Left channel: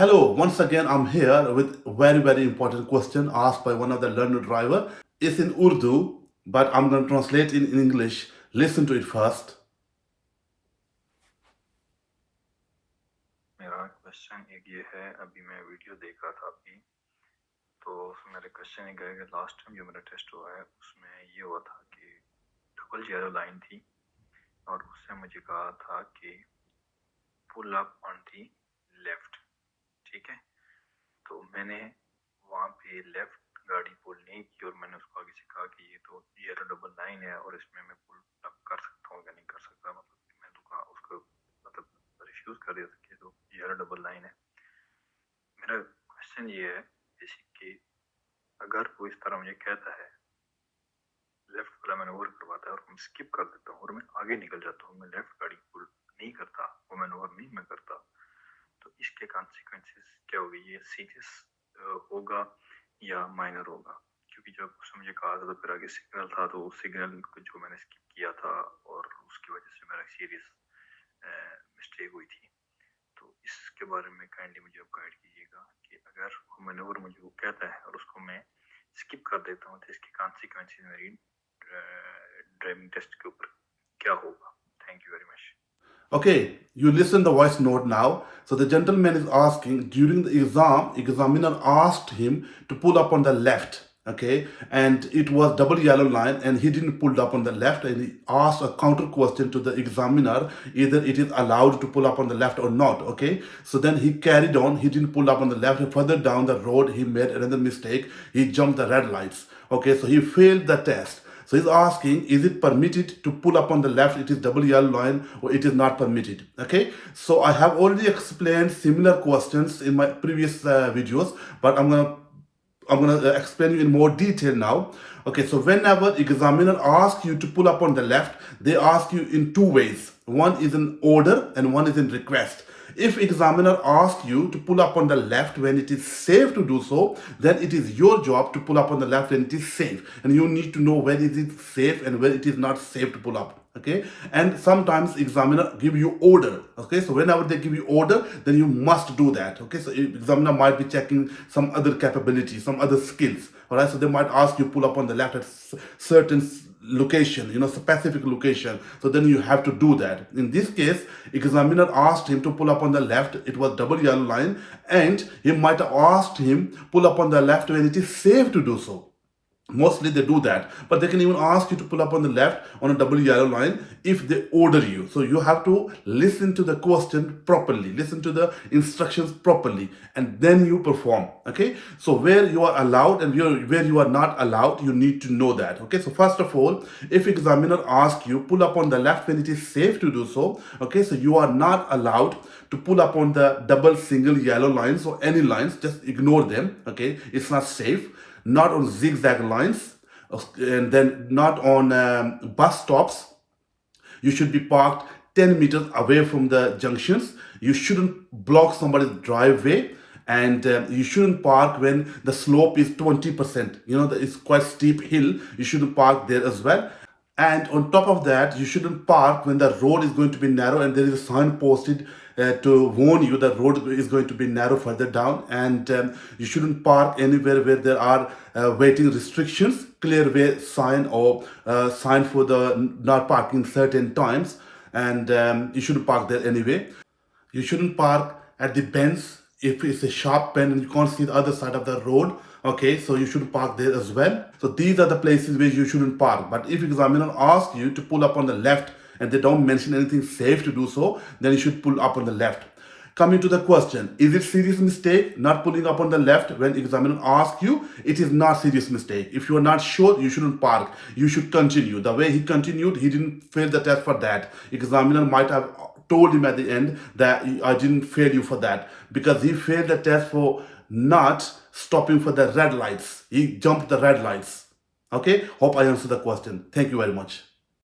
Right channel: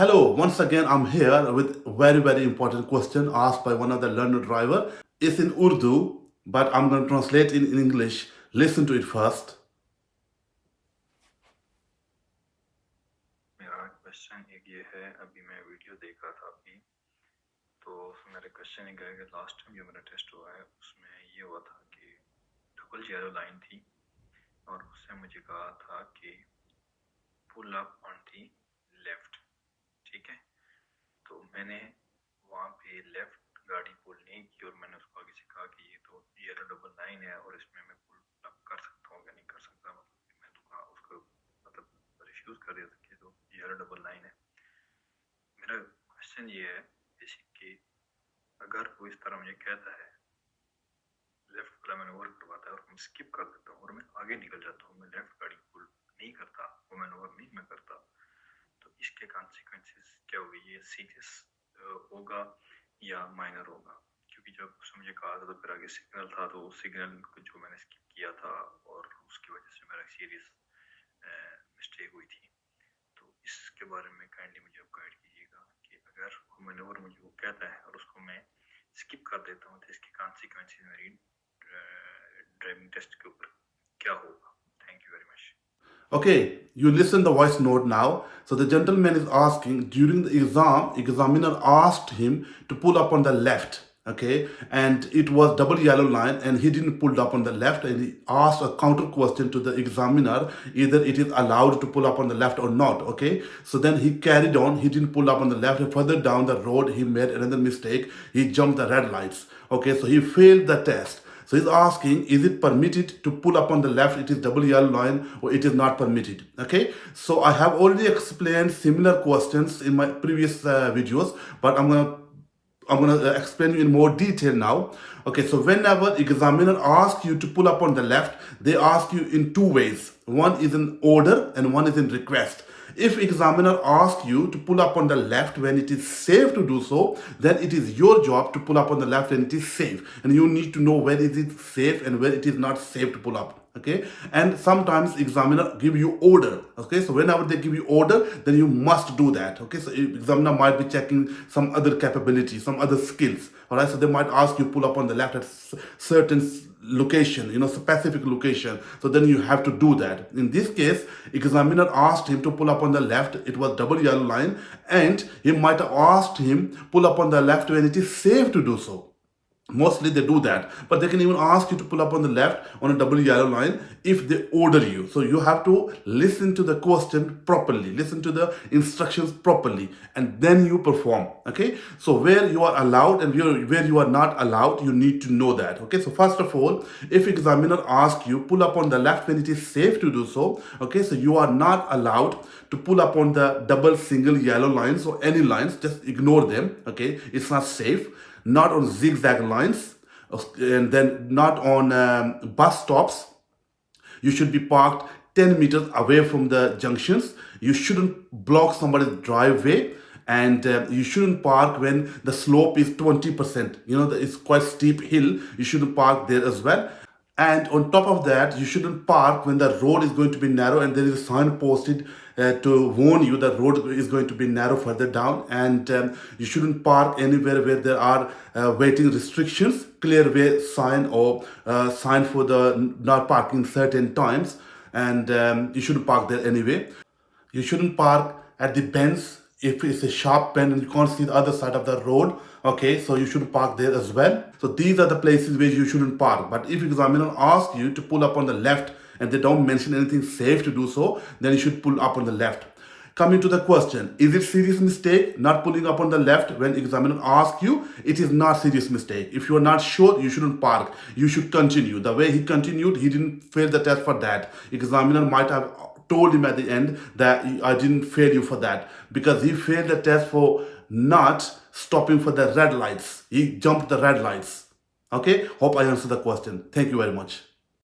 Hello, once again I'm here with a very important question asked by one of the learner driver. It's in Urdu, but I'm going to translate in English. Listen to it first. मेरा question एक ये है, अभी मैं video देख रहा था आपकी, तो मेरा क्वेश्चन ये है कि लास्ट टाइम जो मेरा टेस्ट हुआ है उसमें ये हुआ था कि डबल जीरो लाइन थी और उससे मुझे कहा था कि pull up on the left, ठीक है। तो मैंने वहाँ पे लेफ्ट गाड़ी पुल नहीं की और मैंने उसको आगे से कहा कि ये तो जीरो डबल लाइन है और इसमें मैं पुल अप कर सकता हूँ या नहीं कर सकता, मतलब मैं तो कहा उसको मतलब रिफ्यूज़ कर दिया था कि तो जीरो डबल लाइन है। मेरा क्वेश्चन ये है बेसिक कि अगर वो इस तरह मुझे कहता है, लेफ्ट वाला मैनूवर करवाता है और मैं स्किप कर देता हूँ और मैं आगे निकल जाता हूँ, मैं लेफ्ट गाड़ी पुल नहीं करता, वो मैनूवर नहीं मैं करता, तो इसके कॉन्सिक्वेंसेस क्या होगी? ये सीरियस होगा या माइनर होगा? क्योंकि जब उसने मुझे कहा था तो फिर आगे सिग्नल था, तो उस सिग्नल को जो मैंने स्किप किया था और उसकी वजह से मेरा सीरियस मिस्टेक हुई थी। तो इसके बारे में काइंडली मुझे आप गाइड कीजिएगा कि अगर वो मैनूवर मुझे वो कहता है और उसको मैं स्किप कर देता हूँ तो इसके कॉन्सिक्वेंसेस मेरी ड्राइविंग टेस्ट के ऊपर क्या होगा? Thank you very much. Okay, you listen the voice note now. So the gentleman is asking, during the examiner asked him to pull up on the left. Okay, and it was double yellow line and he didn't pull up on the left, and he asked a counter question to the examiner, either it is allowed to pull up on the left or not. Okay, so then he carried on, he didn't pull up on the left, and further down the road he made another mistake, he jumped the red lights. Okay, so he failed the test. So he's asking, is it permitted to pull up on the left? It is double yellow line, or it is not permitted. Okay. So I have already explained similar questions in my previous videos, but I'm gonna explain you in more detail now. Okay, so whenever examiner asks you to pull up on the left, they ask you in two ways. One is in order and one is in request. If examiner asks you to pull up on the left when it is safe to do so, then it is your job to pull up on the left when it is safe. And you need to know where is it safe and where it is not safe to pull up. Okay, and sometimes examiner give you order. Okay, so whenever they give you order, then you must do that. Okay, so examiner might be checking some other capability, some other skills. All right, so they might ask you pull up on the left at certain location, specific location. So then you have to do that. In this case, examiner asked him to pull up on the left. It was double yellow line, and he might have asked him pull up on the left when it is safe to do so. Mostly they do that, but they can even ask you to pull up on the left on a double yellow line if they order you. So you have to listen to the question properly, listen to the instructions properly, and then you perform. Okay, so where you are allowed and where you are not allowed, you need to know that. Okay, so first of all, if examiner asks you pull up on the left when it is safe to do so, okay, so you are not allowed to pull up on the double single yellow lines or any lines, just ignore them. Okay, it's not safe. Not on zigzag lines, and then not on bus stops. You should be parked 10 meters away from the junctions. You shouldn't block somebody's driveway, and you shouldn't park when the slope is 20%. It's quite steep hill. You shouldn't park there as well. And on top of that, you shouldn't park when the road is going to be narrow and there is a sign posted to warn you that road is going to be narrow further down. And you shouldn't park anywhere where there are waiting restrictions, clear way sign, or sign for the not parking certain times. And you shouldn't park there anyway. You shouldn't park at the bends if it's a sharp bend and you can't see the other side of the road. Okay, so you shouldn't park there as well. So these are the places where you shouldn't park. But if examiner asks you to pull up on the left and they don't mention anything safe to do so, then you should pull up on the left. Coming to the question, is it serious mistake not pulling up on the left when examiner asks you? It is not serious mistake. If you are not sure, you shouldn't park. You should continue. The way he continued, he didn't fail the test for that. Examiner might have told him at the end that I didn't fail you for that because he failed the test for not stopping for the red lights. He jumped the red lights. Okay, hope I answered the question. Thank you very much.